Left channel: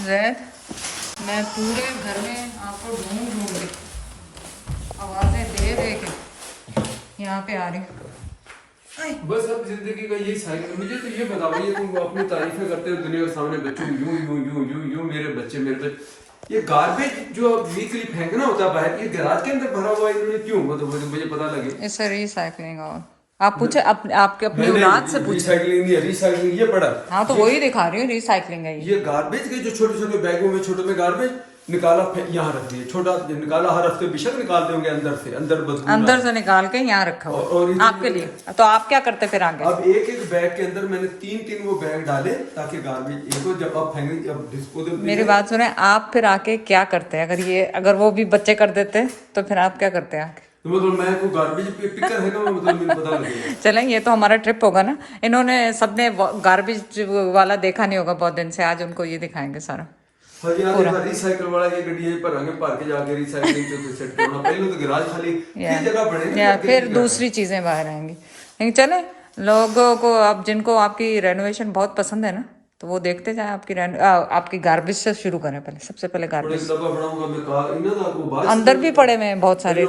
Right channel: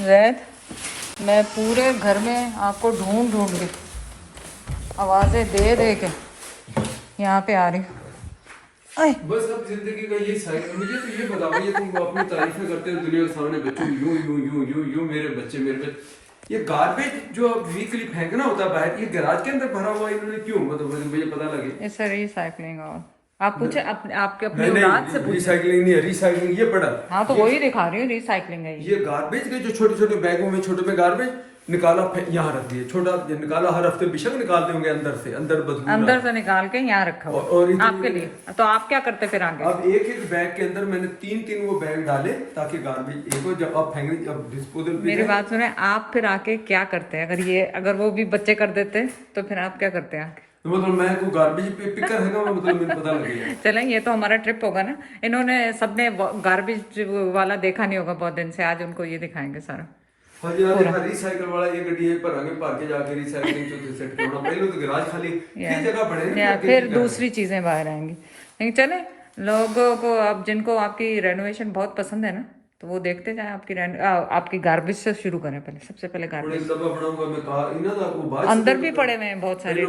जैद, मैं पूरे घर में आपको ढूंढ के आवाज़ें दे दे के यहाँ पे आ रही हूँ। बस अब जिंदगी का ये साइकिल। मुझे तो ये बता भाई, तुम अपनी तारीफें करते हो दुनिया के सामने, बच्चों यूं यूं यूं यूं यूं मेरे बच्चे। ये गार्बेज जो अब वीकली फेंकना होता है बाहर, ये गैराज के अंदर भरा हुआ है, इन्होंने क्यों? मतलब मुझे पता लगे। इससे रिसाइकलिंग और आप पूछे आपके अपनी नहीं औलाद से पूछे। रिसाइकलिंग नहीं है, रिसाइकलिंग ये पड़ा। हाँ तो वही दिखा रही हूँ, रिसाइकलिंग है ये गार्बेज के जो छोटे छोटे बैगों में, छोटे में गार्बेज निकाला, यहाँ रख दिए, छोटा निकाला, हर हफ्ते बेशक निकालते होंगे अंदर से, अंदर से निकाल के यहाँ रखा हुआ और आपके लिए। तो आप क्या करते फिर आगे? अब एक एक बैग के अंदर मैंने तीन वो बैग डाले, ताकि गार्बेज एक जब आप फेंकेंगे, अब डिस्पोजल। मेरी बात सुने, आप फिर आके क्या करते हैं? अगर वो भी बच्चे कर देते तो फिर आप क्या करते हैं आगे? तो मतलब मैं को गार्बेज पे पिकर है, मतलब मुझे पता लगेगा। चलें, ये तो हमारा ट्रिप होगा ना। इन्होंने सबने गार्बेज वाला देखा नहीं होगा बहुत दिन से, आज उनको ये दिखाएंगे सारा। हाँ जी, रिसाइकल वाला की गड्डी पर आगे भर के जाके रिसाइकलिंग पे सेट करना। पहले तो गैराज खाली फिर जगह बढ़े, फिर दूसरी चीजें बाहर आएंगी। लेकिन चले, लोगों को अब जिनको आपकी रेनोवेशन बहुत पसंद है ना, तो वो देखते जाए आपकी गार्बेज से शुरू करें। पहले सबसे पहले गार्बेज अंदर भी पड़े हुए हैं बहुत सारे,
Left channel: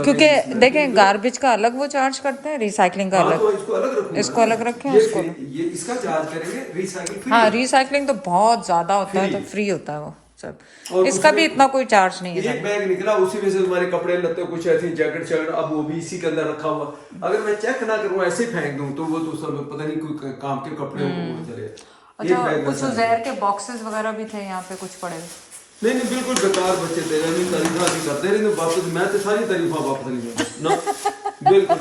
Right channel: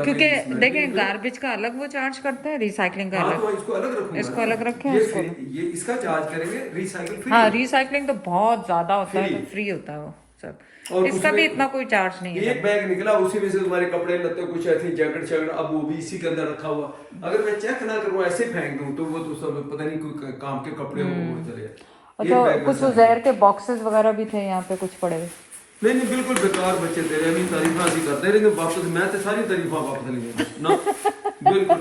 क्योंकि देखें गार्बेज का अलग वो चार्ज करते हैं, रिसाइकलिंग का अलग। इसको अलग रखें, उसको ये इसका चार्ज करेंगे, रिसाइकलिंग। हाँ, रिसाइकलिंग तो बहुत ज्यादा होता है, तो फ्री होता है वो सब। इसका भी इतना कोई चार्ज नहीं है। एक बैग निकला, उसी में से हमारे कपड़े लत्ते, कुछ ऐसी जैकेट, अब वो भी इसी के अंदर रखा हुआ। अगर मैं चेक ना करूँ, ऐसे फेंक दूं, तो वो तो सब पता नहीं कोई काम के कपड़े हो। अच्छा, कुछ जहर के बॉक्सेस वगैरह भी थे यहाँ पे कुछ पड़े हुए। नहीं बिल्कुल बेकार बच्चे थे, नहीं तारीफा भी करते रहे, वापस मैं तो सारी तारीफा वापस नहीं दूंगा ना। बिल्कुल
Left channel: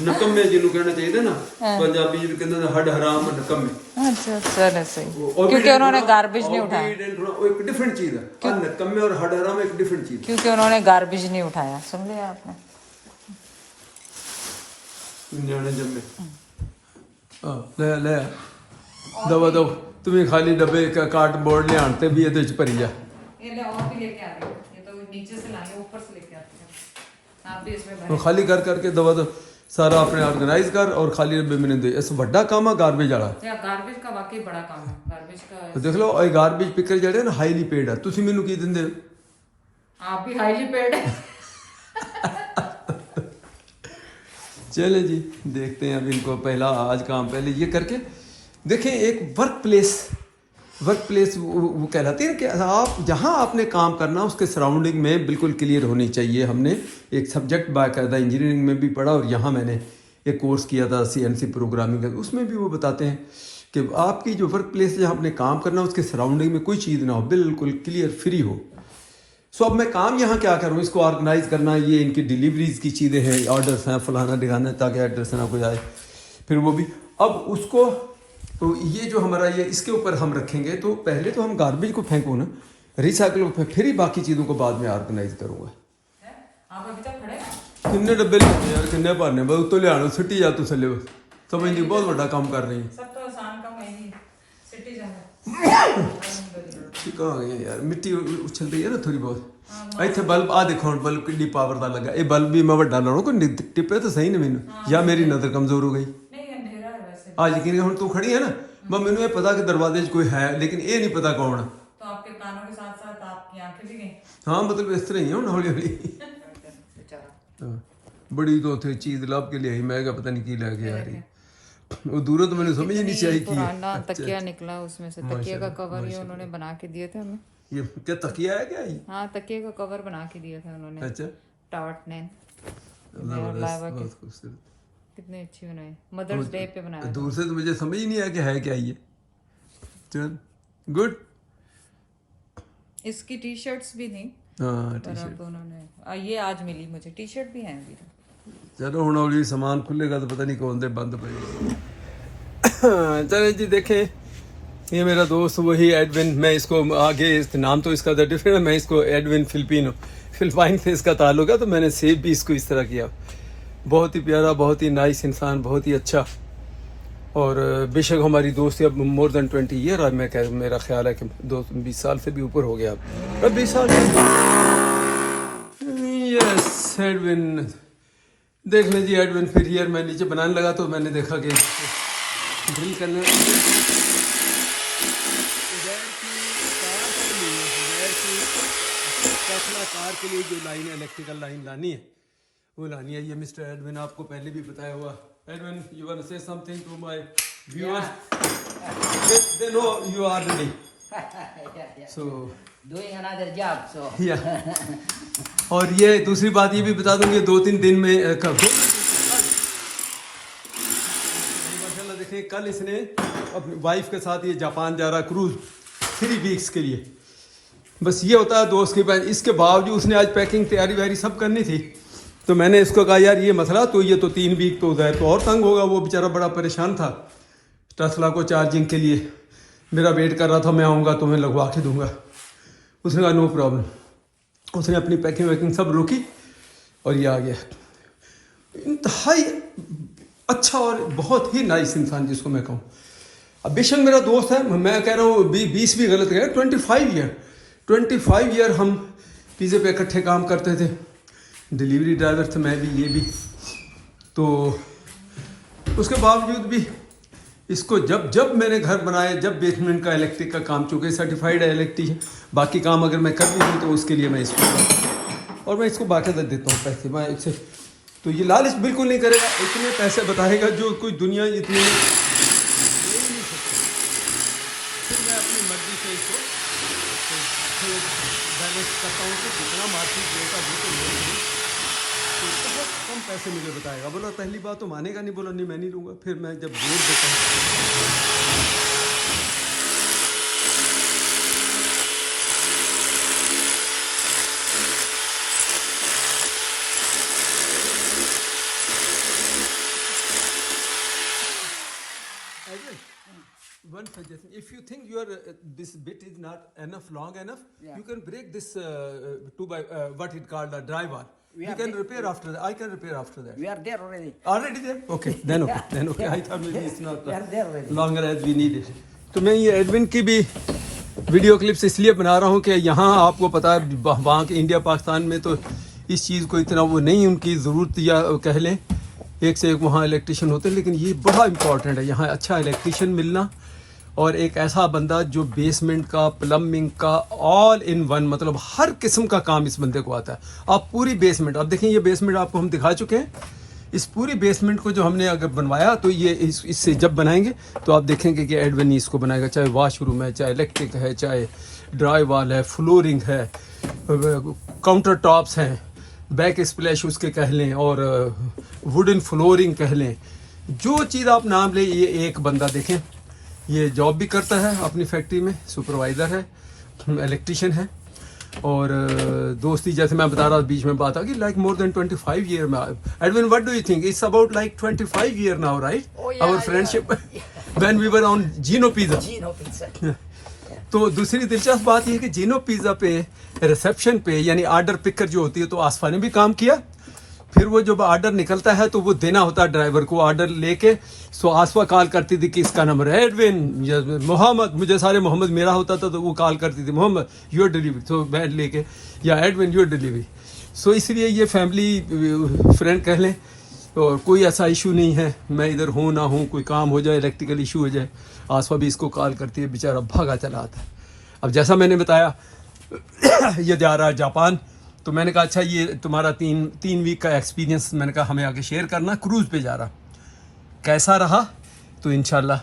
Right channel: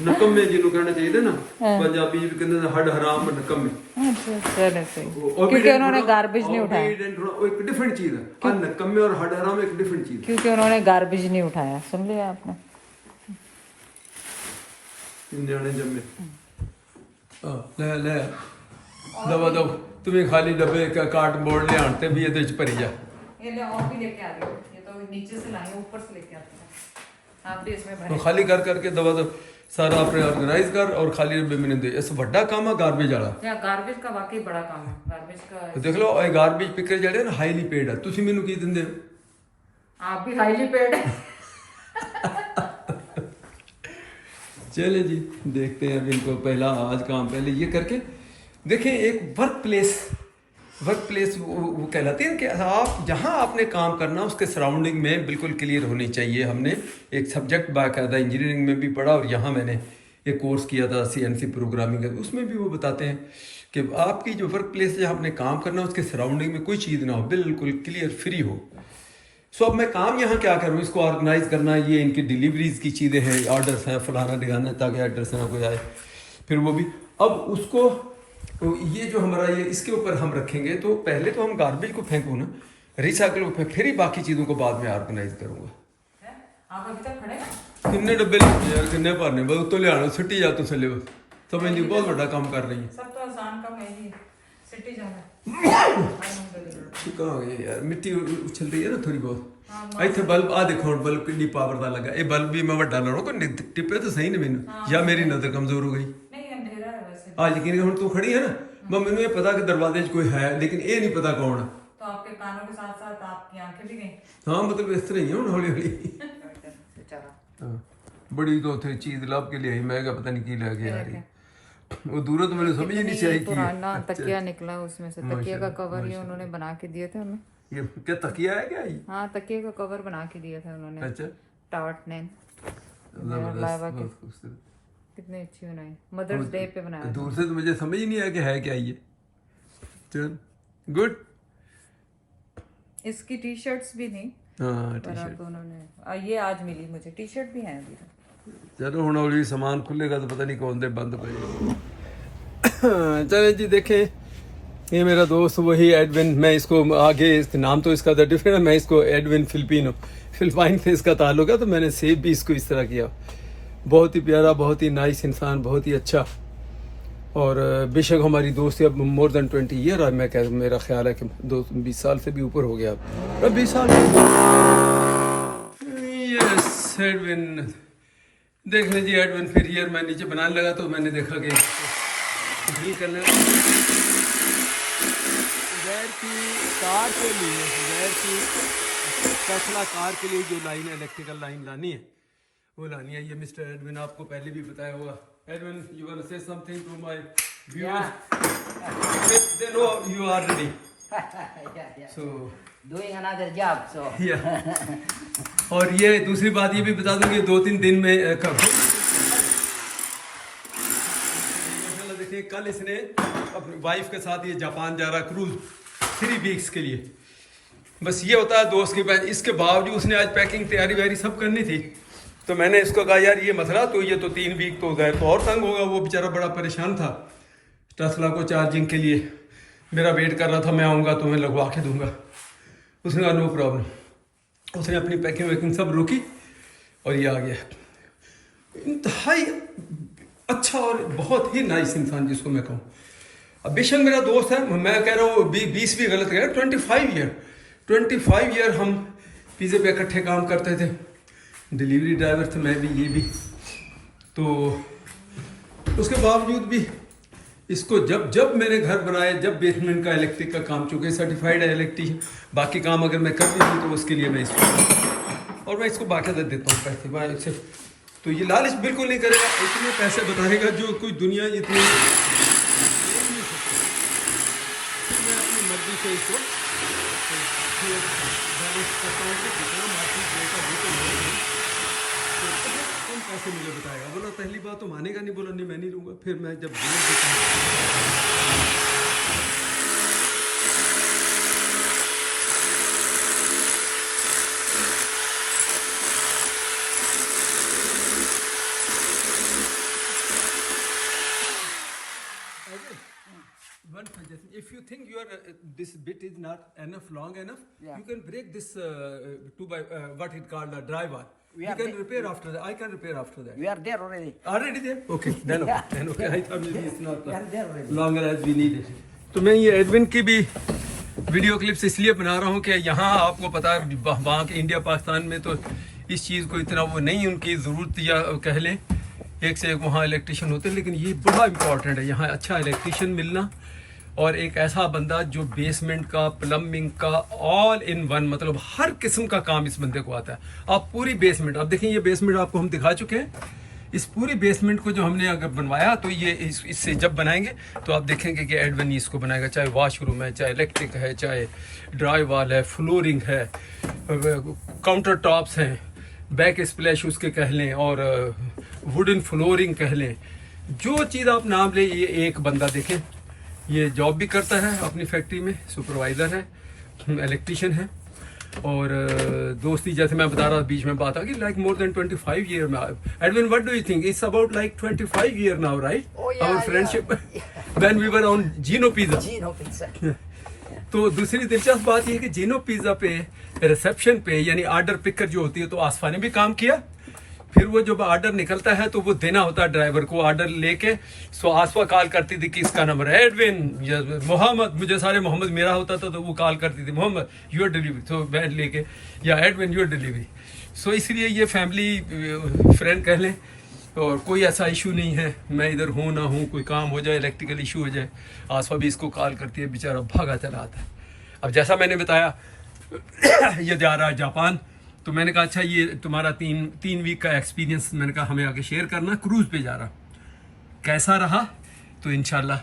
नकम्मे जिन्होंने कहना चाहिए ना, पंजाबी जिन्होंने कहते हैं हड हराम नकम्मे। अच्छा चलो सही, क्योंकि उन्होंने गार्बेज नहीं उठाया। एक डिफरेंट चीज है, नकम्मे और हड हराम एक डिफरेंट चीज, क्योंकि उन्होंने गार्बेज नहीं उठाया। सुन लिया आपने? जाने जम्मे ले ले दवा दो तुम्हें खाली डब्बे का कार्डबोर्ड ले आते भी ये तो भरी जा। ये ले और भी लेके आ रही हूं, ये तो नीचे से लाए, ऊपर से लेके आते हैं। आप भी इसमें भरे। तो खाली कर करके दवा दो सारा अपने ऑर्गेनाइज कर, और खाली डब्बे में दे। इस बड़ा काम है गार्बेज वाला। या गार्बेज का वाकई बड़ा काम है, गार्बेज का। तो देख लो, ये गार्बेज पिकर जड़े ना हाईली पेड है, तुसी मेनू की दिंदे हो? आप भी हाईली पेड है। चले जी, देखते हैं अब इनको। पहला आज काम पहले ये करके देखें। एक वर्क प्लेस वो कहलाते हैं कि आप जहाँ आपने काम करना, उसके सराउंडिंग में बिल्कुल क्लियर होनी चाहिए। हमने एक सब्जेक्ट बाकायदा इंजीनियरिंग में भी पढ़ा, और यहाँ मैंने एक कोर्स किया था CNC प्रोग्रामिंग का, उसमें भी वो बताते हैं कि आपकी जो वर्क प्लेस जहाँ आपने काम करना, उसके सराउंडिंग में कोई चीज़ ना हो, बिल्कुल क्लियर फ्री हो। सो अब मैं काम यहाँ क्या करूँ, इसको ऑर्गेनाइज करना, ये इनकी डिलीवरीज की चीज़ें हैं, ऑर्डर्स हैं, फलाना दिखाना, ताकि एड्रेस ना कोई आए। फिर वो भी अब उसको, तो ये जो हमारा ये इसके ऊपर हम रखेंगे। तो पहले तो हम गार्बेज को फेंकूँ ना, रिसाइकल को फिर ही बाकी चीज़ों को बाद में ऑर्गेनाइज करूँगा। आप अभी तक खड़े हैं? किन्ने डब्बे लेते यार, किन्ने भरने, बस तो ले आना सिटी जा तो चले, समझ नहीं, बहुत बड़ा काम कर रही है। सब तो आसान काम है ही, सिटी जाना। कहाँ गए यार, मिट्टी उछल रही है ना थोड़ी बहुत। ਇੱਥੇ बल्ब आ देखो, बल्ब कितनी पावर ਦਾ लगा। ये बल्ब भी मैं ਵੱਡਾ ਨਾ ਹੋ, ਕੋਈ ਟਿੱਪੇ ਤਾਂ ਸਹੀ ਨਹੀਂ ਮੈਨੂੰ, ਜਾਂ ਮੇਰੀ ਨਜ਼ਰ ਕਮਜ਼ੋਰ ਹੋ ਗਈ। नहीं अंधेरा है वैसे। आज यकीन ਹੁਣ ਤੂੰ ਖੜੀ है ना, मैं मैंने ये पता कि दरवाजे 'ਚ कोई है, लेकिन ये नहीं पता कौन। तो आपके कानों के साथ साथ आपकी आंखें भी गई। हाँ मतलब इस तरह ही है ਹੁਣ हौली हौली। बेचारा बड़ी तो थे चीज ਲੱਭ के लियाई, मैं क्या पता नहीं की ਲੈ के आ रही। वो दूर तो मैंने समझ ही नहीं चाहिए कि पुराना तकिया निकला उसमें से। तकिया का कवर ये उन्होंने बना के दिए थे हमें। ये क्या तकिया है क्या ये? हाँ, तकिए का कवर बना के दिए थे उन्होंने। अच्छा, टाट ने बहुत खूबसूरत, कितनी अच्छी बनाई, मदर्स डे पे बनाया। दूर से तो मुझे समझ ही नहीं आया कि है क्या ये। चल गुड। इसकी टी शर्ट्स भी थी, हाँ पर अब उन्होंने ये आज मिली मुझे। टी शर्ट भी है अभी। चलो ਹੁਣ हौली सामान खुलेगा तो पता नहीं कौन दे बंद पड़ेगा। चले जी, देखें ये मेरा दोस्त वही एडविन, मैं इसको आगे नाम तो इसका डिफरेंट है, मैं इसको एडविन फिलिपाइन से इसका ताल्लुक है, तो मैंने सेव भी इसको इस तरह किया। बहुत ही प्यारा, बहुत ही नाइस इंसान, बहुत ही अच्छा। और बेशक हमारी दोस्ती अब मोर देन 20 ईयर है। मैं मेरा ख्याल है कि 20 साल से भी ऊपर हो गया अब 20 साल। यस एडविन, देख लीजिए एडविन फिर ईयर मैं नीचे बनाने लगा, तो मैंने देखा कि ड्रिल करने के लिए ज़ुबैर की टेस्ला कार के लिए जो लाइन है, इलेक्ट्रिकल लाइन लानी है, वो लानी है। ये मिस्टर एडविन आपको पहले भी बताया हुआ। Edwin, you want to say something to my viewers? They know you are ready. So Doing another job, so. या और ये दूसरी बात ये भी बता दूं, ये 2-3 दिन में माशाल्लाह देखिए, कल इसने अपनी वाइफ के साथ ये जापान जा रहा क्रूज 3 वीक्स के लिए। बस ये होता है दोस्त के पास। इसके बावजूद उसने आज पैकिंग तैयारी वैयारी सब करनी थी, तो मैंने इसको कहा यार ये मसला तो ये तो 3 वीक तो गए तो और तंग होगा। वो बेचारा बड़ा परेशान था टेस्ला को चार्जिंग के लिए, मेरा वेट कर रहा था, मैं आऊँगा तो मैं लगवा के दूंगा। उसने कहा नो प्रॉब्लम। उसने अपनी पैकिंग वैकिंग सब रोकी और ये आ गया। इंतहाई अच्छा और बहुत ही नाइस इंसान जिसको मैं कहूँ। अब बेशक मेरा दोस्त है, मैं कह रहा हूँ 20 भी गलत कह रहा, 25 ईयर हम पिज़्ज़े पे इकट्ठे काम करते थे। डिलीवरी ड्राइवर थे मैं भी, ये भी। तो उसके बावजूद भी इसको जब मैंने घर बनाए, जब बेसमेंट का इलेक्ट्रिक का काम, चूँकि सर्टिफाइड है इलेक्ट्रिक, बाकी काम अगर मैं कर भी दूँ तो उसके लिए मैं इसको और मैं इसको बाकायदा देता हूँ पैसे। मैं इससे तो ये लालच बिल्कुल नहीं करेगा, इतने पैसे बताएगा जो कोई दुनिया इतनी। फिर मैं अपनी मर्जी से इसको बैलेंस करता हूँ कि कितना मार्केट रेट है वो तो बहुत कम पैसे मुझे बताएगा। बोला पहली बात तो मानेगा नहीं, बोला नहीं मैं नहीं लूँगा। फिर मैं जब बोल देता हूँ one suggestion, if you think your this bit is not enough long enough, Yeah. you can break this 2 by what it called a dry bar. We You are can the- repair after that. I can repair after that. We are there already. Already there? Okay, then okay. Then okay. I thought maybe it's not We are there already. longer as we need it. तो मैं ये Edwin की भी video clips इसलिए बना रहा हूँ कि यहाँ आपको पता है वहाँ के इंडिया पाकिस्तान में तो इस चीज़ को इतना वो नहीं उनकी ज़रूरत, या कह लें एक से एक वहाँ इलेक्ट्रिशियन होते हैं, लेकिन ये बड़ा इंपॉर्टेंट है यहाँ अच्छा इलेक्ट्रिशियन मिलना और एक ऐसा बंदा जो बेसमेंट का, प्लम्बिंग का, ऑल इन वन, मतलब हर किस्म का काम इस बंदे को आता है। आप पूरी बेसमेंट, अब देखें ये बेसमेंट आपको हम दिखा चुके हैं। इस पूरी बेसमेंट को जो हमने अगर बनवाया तो ये इससे जब बनाएंगे तो आप देखेंगे कि एडविन इसको बनाएगा, चाहे वॉशरूम है, चाहे इलेक्ट्रिक है, चाहे ड्राई वॉल है, फ्लोरिंग है, काउंटर टॉप्स हैं, बैक स्प्लैश उसके कह लें, और वुडन फ्लोरिंग कह लें, जो चीज़ आप नाम लें, ये एक बंदा देखें ये जॉब भी करता है अपनी फैक्ट्री में, सुपरवाइज़र है, इलेक्ट्रिशियन है। और दोस्ती जैसे मैं बता रहा था बीच में बात आ कि लाइक मोर देन 25 ईयर में। Edwin what do you think? It's about like 25 year now, right? Oh, yeah, our friendship when we were on Gino pizza. Gino pizza. तो दूसरी दिलचस्प बात यह है कि जीनो पिज़्ज़ा पे रिसेप्शन पे यानी ऑर्डर पिकर जो होती है, तो आसफा ने भी काम किया। फिर वो जब ऑर्डर निकलता है तो वो देना होता है ड्राइवर को ऑर्डर लेके। सो आसफा कॉल करती थी कि इसका नंबर है एडविन या मोहम्मद, मुझे सारे मोहम्मद मेरा होता था तो वो कॉल करती थी मोहम्मद यूर डिलीवरी, तो मैं लेके, या एडविन यूर डिलीवरी। सो इसलिए ये फैमिली फ्रेंड कह लें, और कोई ऐसा इशू नहीं है मैं इधर हूँ ना हूँ, कोई काम हो जाए, इलेक्ट्रिकल इशू हो जाए, आसफा भी इसको कॉल करती है, बेचारा भागा चला आता है। अब जैसा मैंने बताया ये जा रहा है जापान, तो मैंने कहा अच्छा ये तुम्हारा तीन वीक का एक्सपीरियंस मैंने कहा हमें आगे शेयर करना। क्रूज़ पे जा रहा कैसा रहा, तो इंशाल्लाह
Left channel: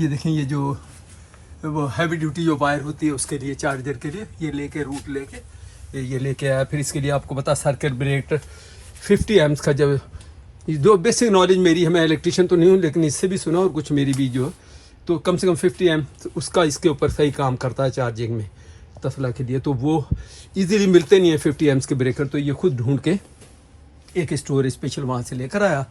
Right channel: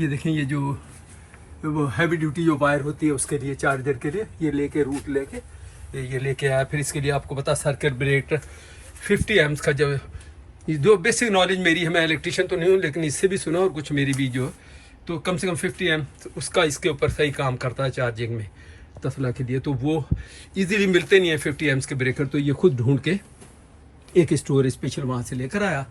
ये देखें ये जो वो हैवी ड्यूटी जो वायर होती है उसके लिए, चार्जर के लिए ये लेके रूट लेके ये लेके आया। फिर इसके लिए आपको पता सर्किट ब्रेकर 50 एम्स का, जब जो बेसिक नॉलेज मेरी है, मैं इलेक्ट्रिशियन तो नहीं हूँ लेकिन इससे भी सुना और कुछ मेरी भी जो, तो कम से कम 50 एम्स उसका इसके ऊपर सही काम करता है चार्जिंग में तस्ला के लिए। तो वो इजीली मिलते नहीं है 50 एम्स के ब्रेकर, तो ये खुद ढूंढ के एक स्टोर स्पेशल वहाँ से लेकर आया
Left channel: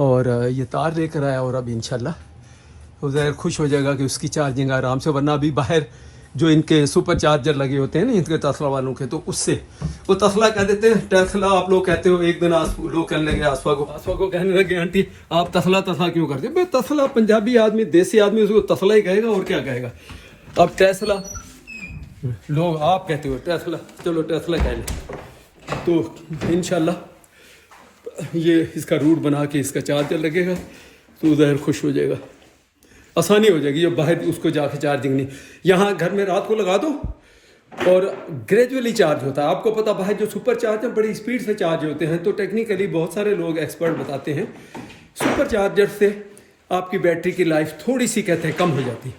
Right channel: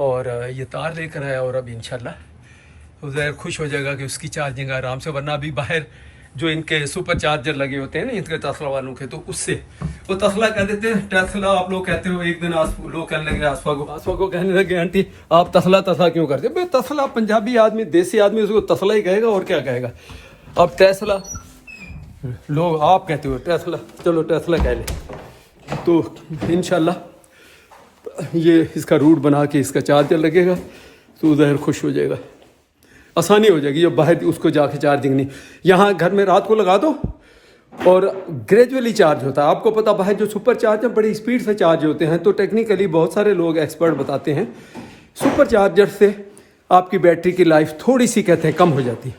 और ये तार लेकर आया। और अब इंशाल्लाह उधर खुश हो जाएगा कि उसकी चार्जिंग आराम से, वरना अभी बाहर जो इनके सुपर चार्जर लगे होते हैं ना इनके तस्ला वालों के, तो उससे वो तस्ला कह देते हैं, टेस्ला आप लोग कहते हो। एक दिन लोग कहने लगे आसफा को कहने लगे आंटी आप तस्ला क्यों करते हो? तस्ला पंजाबी आदमी, देसी आदमी उसको तस्ला ही कहेगा और क्या कहेगा। अब टेस्ला लोग आप कहते हो टेस्ला, चलो टेस्ला कह लें। तो इंशाल्लाह ये इसका रूट बना के इसका चार्जर लगेगा तो उधर खुश हो जाएगा। आसानी हो जाएगी, जो बाहर उसको जाके चार्जिंग नहीं, यहाँ घर में रात को लगा दो और ग्रेजुअली चार्ज होता है। आपको पता बाहर जो सुपर चार्जर बड़ी स्पीड से चार्ज होते हैं, तो टेक्निकली बहुत सारे लोग एक्सपर्ट बताते हैं सुपर चार्जर से आपकी बैटरी की लाइफ थोड़ी सी कहते हैं कम हो जाती है।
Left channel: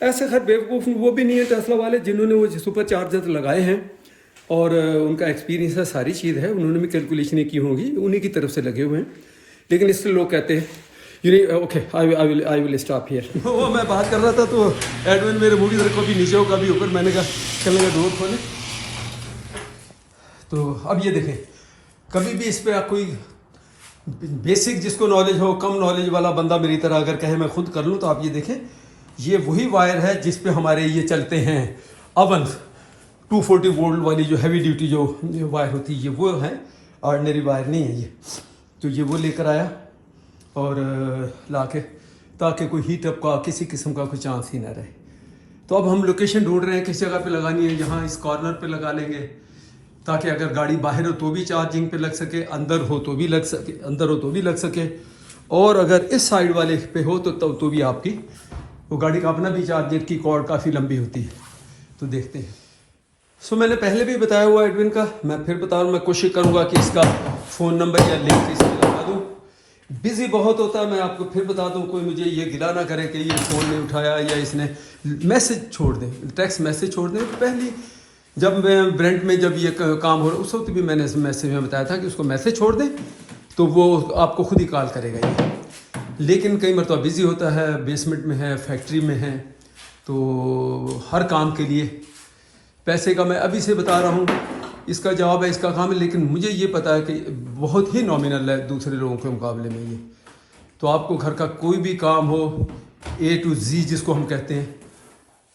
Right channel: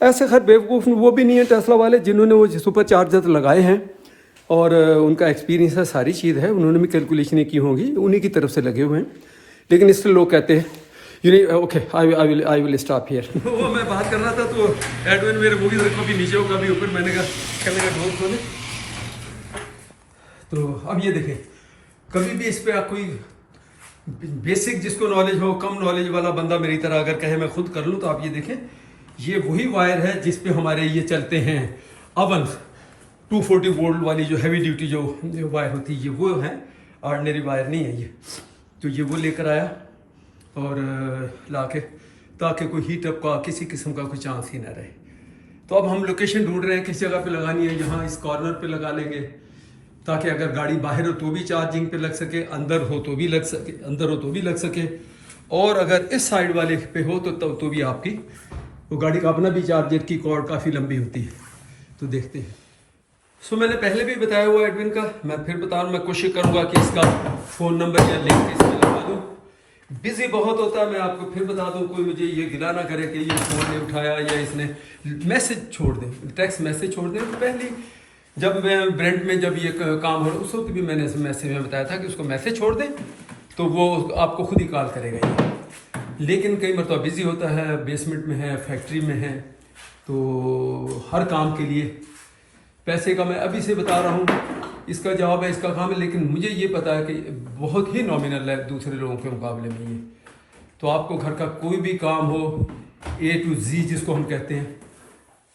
ऐसे खैर बेवकूफ़ वो भी नहीं है टेस्ला वाले जिन्होंने वो सुपर चार्जर लगाए हैं और उनका एक्सपीरियंस है, सारी चीज़ है, उन्होंने भी कैलकुलेशनें की होंगी, उन्हीं की तरफ से लगे हुए हैं। लेकिन इससे लोग कहते हैं okay I will stop here. वो मैं बात कर रहा था तो एडविन मेरे मूवी कभी नीचे हो कभी ऊपर, मैंने कहा कि मेरे दूर खोले। तो अब ये देखें, कभी भी इस पर कोई बेसिक जिसको नॉलेज हो, कम नॉलेज वाला बंदा मेरी तरह अगर कहे मैं खुद कर लूँ, तो आप ये देखें, ये वही वायर है जिस पे हमारे ये चलते हैं अवन 240 वोल्ट वाली जो हैवी ड्यूटी जो वायर होती है, ये वो है, ऑर्डिनरी वायर नहीं है ये। तो ये वो लेकर आया और लाके, ताकि कोई हीट अप का किसी किस्म का कोई चांस ही ना रहे। तो अब हम लोकेशन ढूंढ रहे हैं किस जगह पे लगानी है। यहाँ इस कॉर्नर पे लगा लेंगे ताकि अगर गाड़ी बाहर हो तो भी चार्जिंग पे लग सके, अंदर हो तो भी लग सके, अंदर हो तो भी लग सके, और अगर इस साइड वाले पे हो तो भी आपकी वो गाड़ी का अपना भी चार्जर की कॉर्ड काफ़ी लंबी होती है। तो देखते हैं। सो मैंने पहले भी बताया हुआ एडविन का, मैं फिर बता रहा हूँ, मैं कोशिश करूँगा कि इसका फ़ोन नंबर या लिंक इसमें लगा दूँ। बिजी बहुत होता है, मैं आपको फिर बता दूँ, कोई मुझे ये गिला ना करे कि ये फ़ोन नहीं उठाया या इसने मैसेज छोड़ दें, टेक्स्ट मैसेज छोड़ दें। तो पहली जब मैं ब्रेंट में जब ये काम हो रहा उस वक्त भी मैंने मैसेज में बताया था कि उसको मैसेज छोड़ दें तो वो आपको खुद ही कॉल करेगा ये। लेकिन कई मरतबा बिजी होता है, बेसमेंट में है, फैक्ट्री में है, तो हर काम के लिए पैसे का मैं अभी से बता रहा हूँ, इसका जवाब है, इसका काम है, लेकिन मुझे ये पता है कि बहुत ही नॉमिनल है दूसरे लोगों के मुकाबले में ये। तो आपको घर का कोई भी काम हो, A to Z जिसको हम कहते हैं,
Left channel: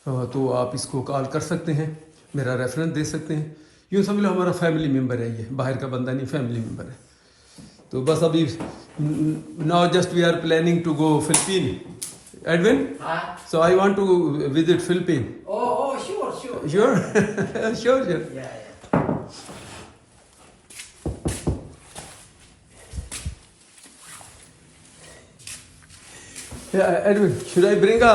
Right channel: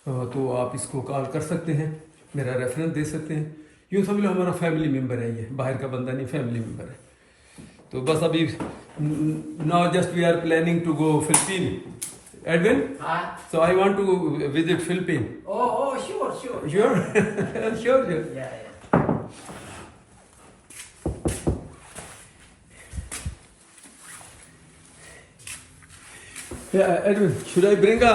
तो आप इसको कॉल कर सकते हैं, मेरा रेफरेंस दे सकते हैं। यूँ समझ लो हमारा फैमिली मेम्बर है, ये बाहर का बंदा नहीं, फैमिली मेम्बर है। तो बस अभी now just we are planning to go Philippine Edwin, so I want to visit Philippine. Oh, sure. Sure? Sure. Yeah. Yeah, Edwin, should I bring a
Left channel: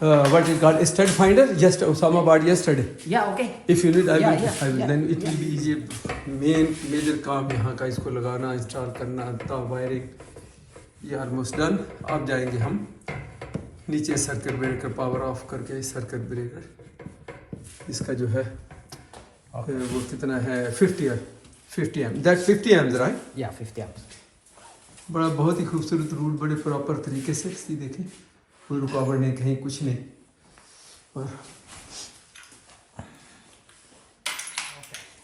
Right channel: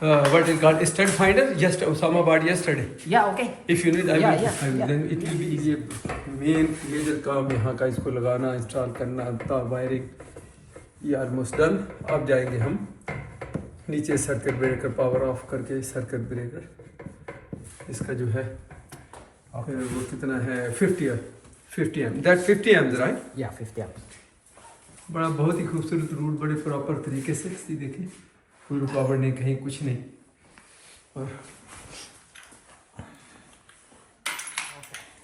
what is called a stud finder? Just Osama bought yesterday. Yeah, okay. If you need, I will. Yeah. Then it will be easy. Major काम यहाँ का, इसको लगाना, install करना, wiring ये almost done. अब जाएंगे हम नीचे, सर्किट ब्रेकर पावर ऑफ करके, सर्किट ब्रेकर इसका जो है वो कितना है 50 amp, that 50 amps right. Yeah, 50 amps. बड़ा बहुत ही खूबसूरत रूट, बड़े प्रॉपर तरीके से सी देखें, कोई रुकावट नहीं, कहीं कुछ नहीं। और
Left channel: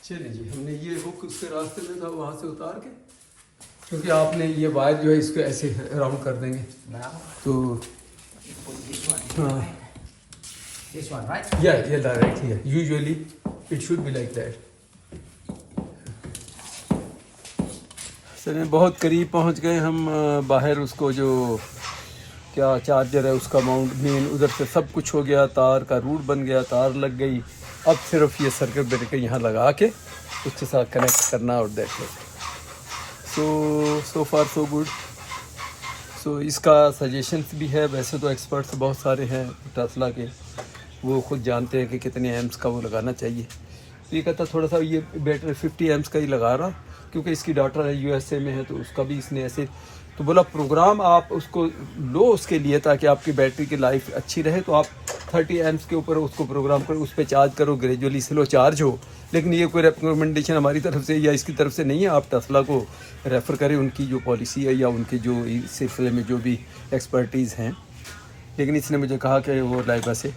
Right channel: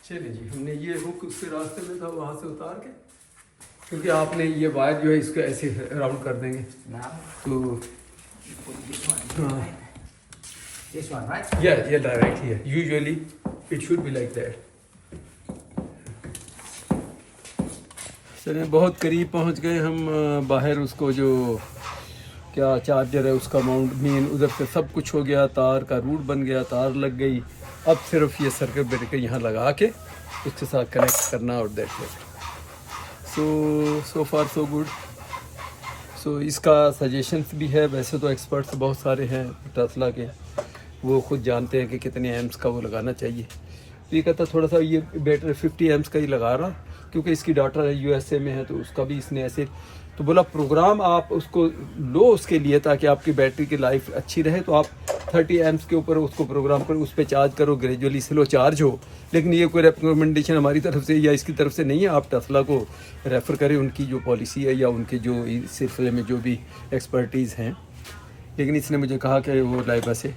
चलिए जी, हमने ये हुक उसके रास्ते में था वहाँ से उतार के, क्योंकि आपने ये वायर जो है इसको ऐसे राउंड कर देंगे Now, तो put this one. This one, right? ये डायरेक्ट ही है, usually it should be like that. चलिए बहुत करीब पहुंच गए हम, बाहर उसको जो क्या चार्जर है उसका माउंट मेन उधर से सब कुछ हो गया, तार का रूट बन गया, तार लग गई। अब सिर्फ ये सर्किट ब्रेकर यहाँ लगा के उसके साथ कनेक्ट करना और that it. So far so good. So इसका सजेशंस भी है, वैसे तो एक्सपर्ट्स बहुत सारे हैं टेस्ला के, वो खुद जानते हैं कि कितने एम्स का वो लगाना चाहिए। तो ये कहता थोड़ा सा ये बैटरी 50 एम्स का ही लगा रहा, क्योंकि इसकी डॉटर है USA में है, तो उसका भी इसने ऐसे तो बोला प्रोग्राम आप उसको लो उसके लिए, ताकि आपकी बैटरी की लाइफ अच्छी रहे। तो आप 30 एम्स के ऊपर उसको प्रोग्राम करो, उस पर चार्ज करो, ग्रेजुअली स्लो चार्ज हो। लेकिन ये कोई रिकमेंडेशन हमारी तरफ से या इसकी तरफ से नहीं है, आप टेस्ला को रेफ़र करें, उनकी जो पॉलिसी है या उनके जो इस सिलसिले में जो भी एक्सपर्टीज़ हैं। लेकिन इसने मुझे कहा कि वो लाइबा से,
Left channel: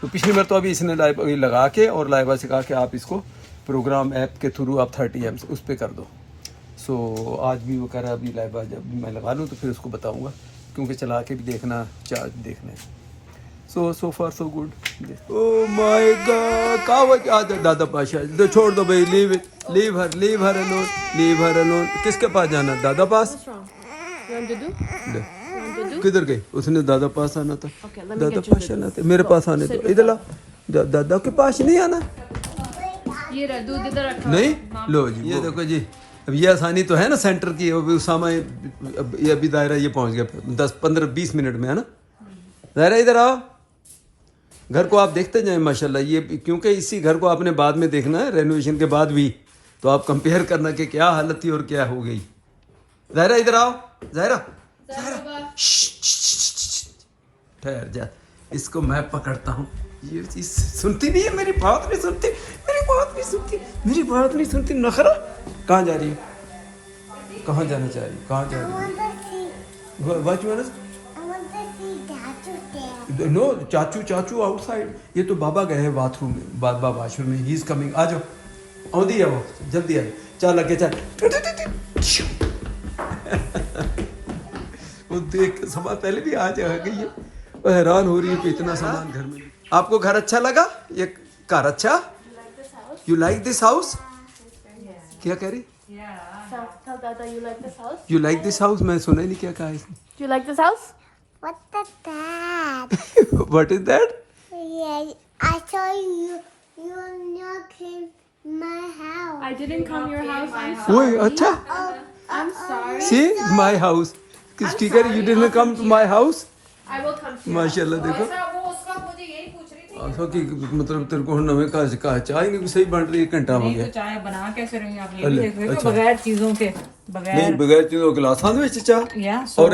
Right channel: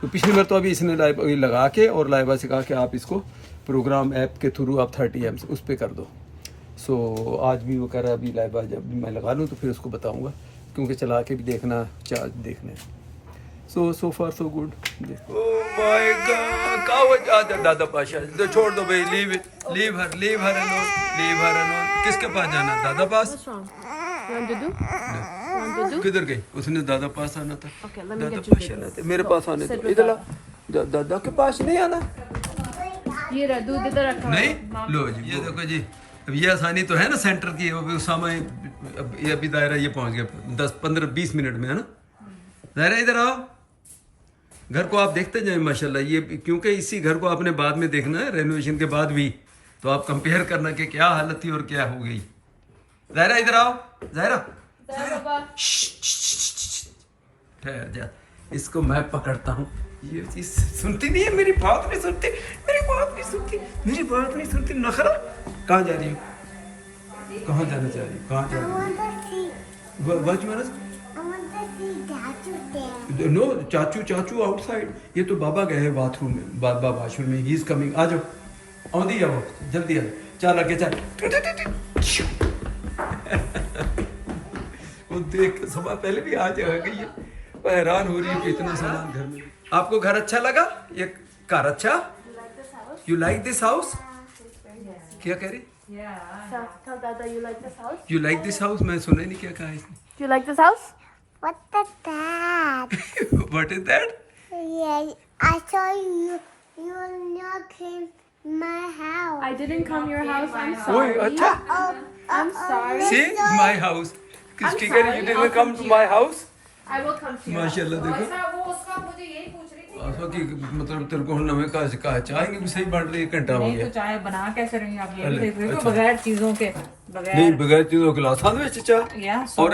तो पिछली बार तो अभी इसने लाइबा लगा के और लाइबा से कहा कि आप इसको प्रोग्राम ऐप के थ्रू आप 30 एम्स उस पर कर दो। सो आज भी वो कह रहा है अभी लाइबा जब मैं लगा लूँ तो फिर उसको बताऊँगा, क्योंकि चला के भी देखना, चार्ज देखना है। So far so good. Oh my god, कहाँ दादा पाशा, तो छोड़ दो भाई, लीव हर अलोन। किसके पास जाना, दादा पास? किधर गई? उसने दादा पास आना था। दादा पास आना था, मेरे पास आने था। इधर दादा के पास नहीं आना, ये रहा दूध इधर रखा। नहीं लो जी, ये देखो जी, अब ये आसानी तो है ना सेंटर की। उसामा ये अभी दायरा ये पहुंच गया 10-15-20 मिनट में, है ना। जरा इधर आओ। घर को आप देखते जाए माशाल्लाह, ये क्योंकि इसी घर को आपने बाद में देखना है, रेनोवेशन के बाद भी, तो आप कंपेयर करना कि क्या हालत थी और क्या हो गई। ज़ाहिरा इधर आओ, ज़ाहिरा ठहर जा, इसको मैं पकड़ता हूँ। ये चीज सुनती नहीं है, मेरी बात नहीं सुनती, मेरी बात नहीं सुनती, मेरी बात नहीं सुनती। नखरा। कहाँ जा रही हो, कहाँ जाना चाह रही हो, कहाँ जा रही हो? नो, चाचू आउटसाइड। ये तो बाबा गए हैं बाथरूम में, बाबा वॉशरूम में। He is coming. आ जाओ, औदी आओ, जल्दी आ। चल आगे चल। वो देख के समय पहले भी आज आ गई है, वो हैरान हो रही है कि इतना सामान घर में। आपको घर अच्छा लगा? ये घर अच्छा? You like this house? क्या कह रही? Tell Dada you like this house. You like this house? मैं सुना ही नहीं क्या कहा इसने। Do you like this house? What is that? What is that? Yeah, I saw you. You are not in my house. I didn't come your house. I'm ओए sorry. अच्छा, I'm sorry. See my house. किसकी कह रही? You didn't come to my house? I will come to you. माशाल्लाह देखो। वो उसका मुझे यही पूछ रही थी। ऐसा कि मतलब तेरे को नवे का चाय की सही बन रही है, एक घंटा हो नहीं गया। तो चाय बना कैसे रही आप, ये अरे, भी देख रहे हो, अच्छा। बगैर चीजों के, नहीं बगैर बगैर चीजों गिलास में चाय। या और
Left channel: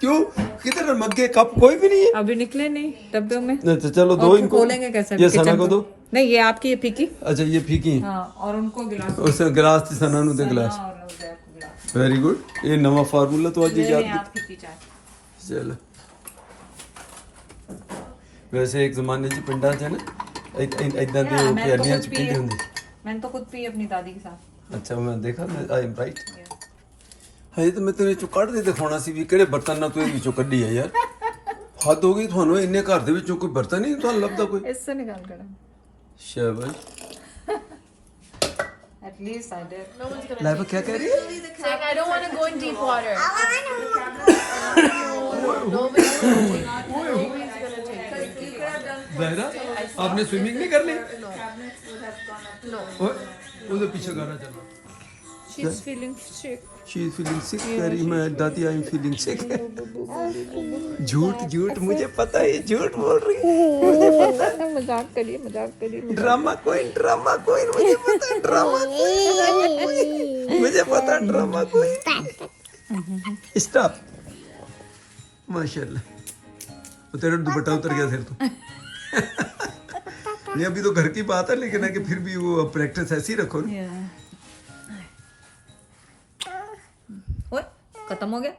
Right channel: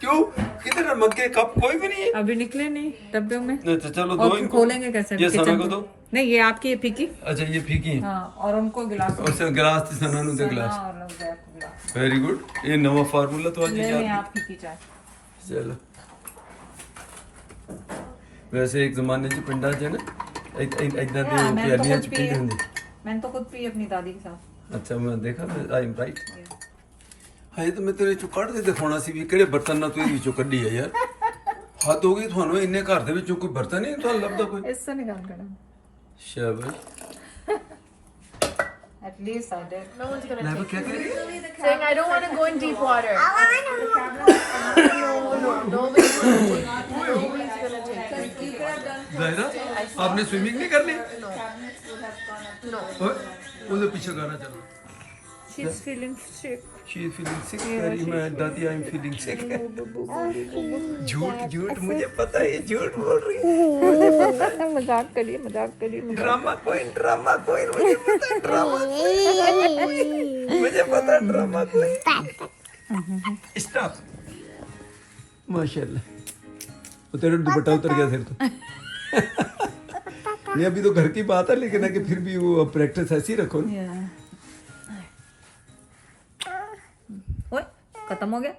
क्यों, किधर मग्गे कप कोई भी नहीं है? अभी निकले नहीं डब्बे में। नहीं तो चलो दो और इनको। खोलेंगे कैसे ये किचन सना को को? दो। नहीं ये आपकी है फीकी। अच्छा ये फीकी है। हाँ, और उनको गिलास उसे गिलास थी, सना नु दे गिलास। और उधर को गिलास। Very good. ये नवा फार्मूला तो आज ले याद लें आप फीकी चाय। चलो। वैसे एक जमाने च पिंडा च ना इतना दे मैंने तो प्यालियां खुद च पी पींदे है। हुंदे। मैंने तो खुद पी अपनी दादी के साथ। अच्छा मैं देखा, मैं आई एम राइट। हाय तो मैं तेरे चों कढ़ के दिखाना सी भी किहड़े बर्तन ना तू विचों कड्ढी है यार। हद हो गई ਤੁਹਾਨੂੰ, ਇੰਨੇ ਘਰ ਦੇ ਵਿੱਚੋਂ ਕੋਈ ਬਰਤਨ ਨਹੀਂ ਤੁਹਾਨੂੰ ਲੱਭਦਾ ਕੋਈ? इससे निकाल कर शाबाश। At least I did. No one's gonna Laiba क्या कह रही है? saying I don't want to go in deep water. No, nobody's gonna take it. Nobody's gonna take it in deep water. Zahira आपने स्विमिंग नहीं कर ली? No. No. ओए ਉਹਦੇ ਪਿੱਛੇ ਗਾਣਾ ਚੱਲ। She is feeling sick. She is feeling sick. Very मैं दादी I am feeling sick. झूठ मुझे पता है, ये झूठ बोल रही है। मजाक करिए ड्रामा कोई मुझे पता है, ड्रामा मुझे पता है, ड्रामा कोई। स्टॉप। माशाल्लाह वो तेरा दुपट्टा उतर गया सिर तो। नहीं अभी तो घर की बात है, लेकिन है कि फिर भी वो प्रैक्टिस ऐसी रखो ना। ओए खत्म हो गया।